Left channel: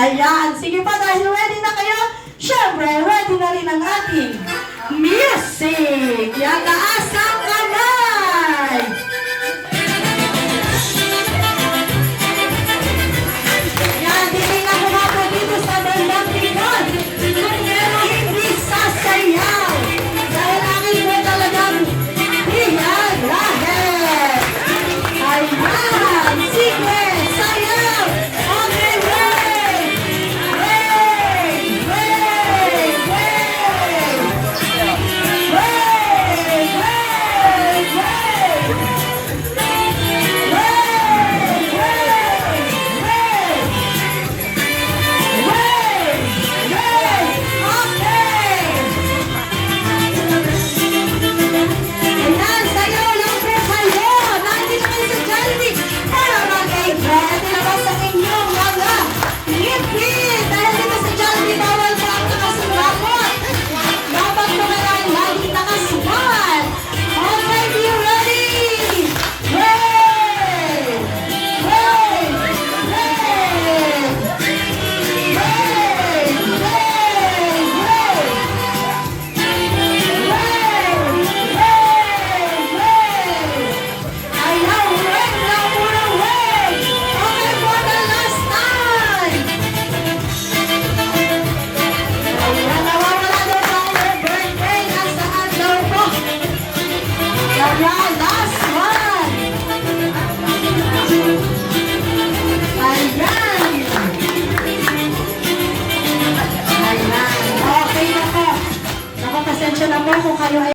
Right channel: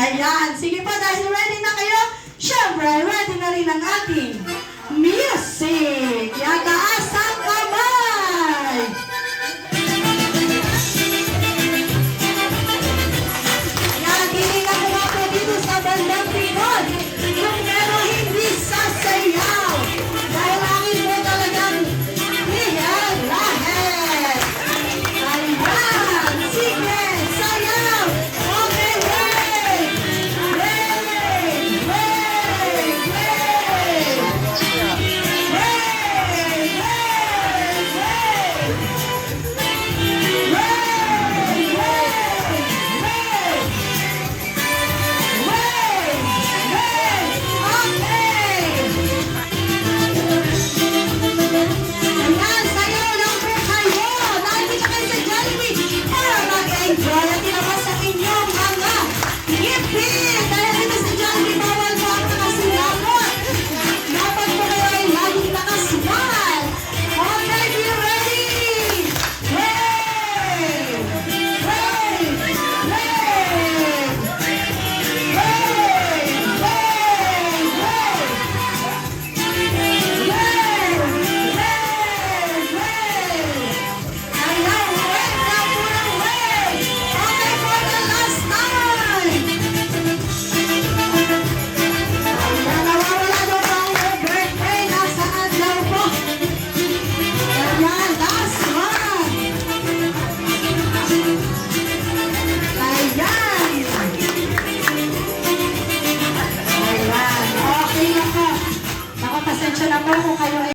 Ayan, sige pa, dahil ready na kayo, syempre, ready na rin ang ating music! Yan, taas ang kamay! Yan, hindi na kumapo dito sa bandang likod. Pero hindi sasayaw. Dahil akin mo talagang iyan lahat. Ayan, sige, sayaw! Okay, wait! Wait! Wait! Wait! Wait! Pasensya na po kung kayo ay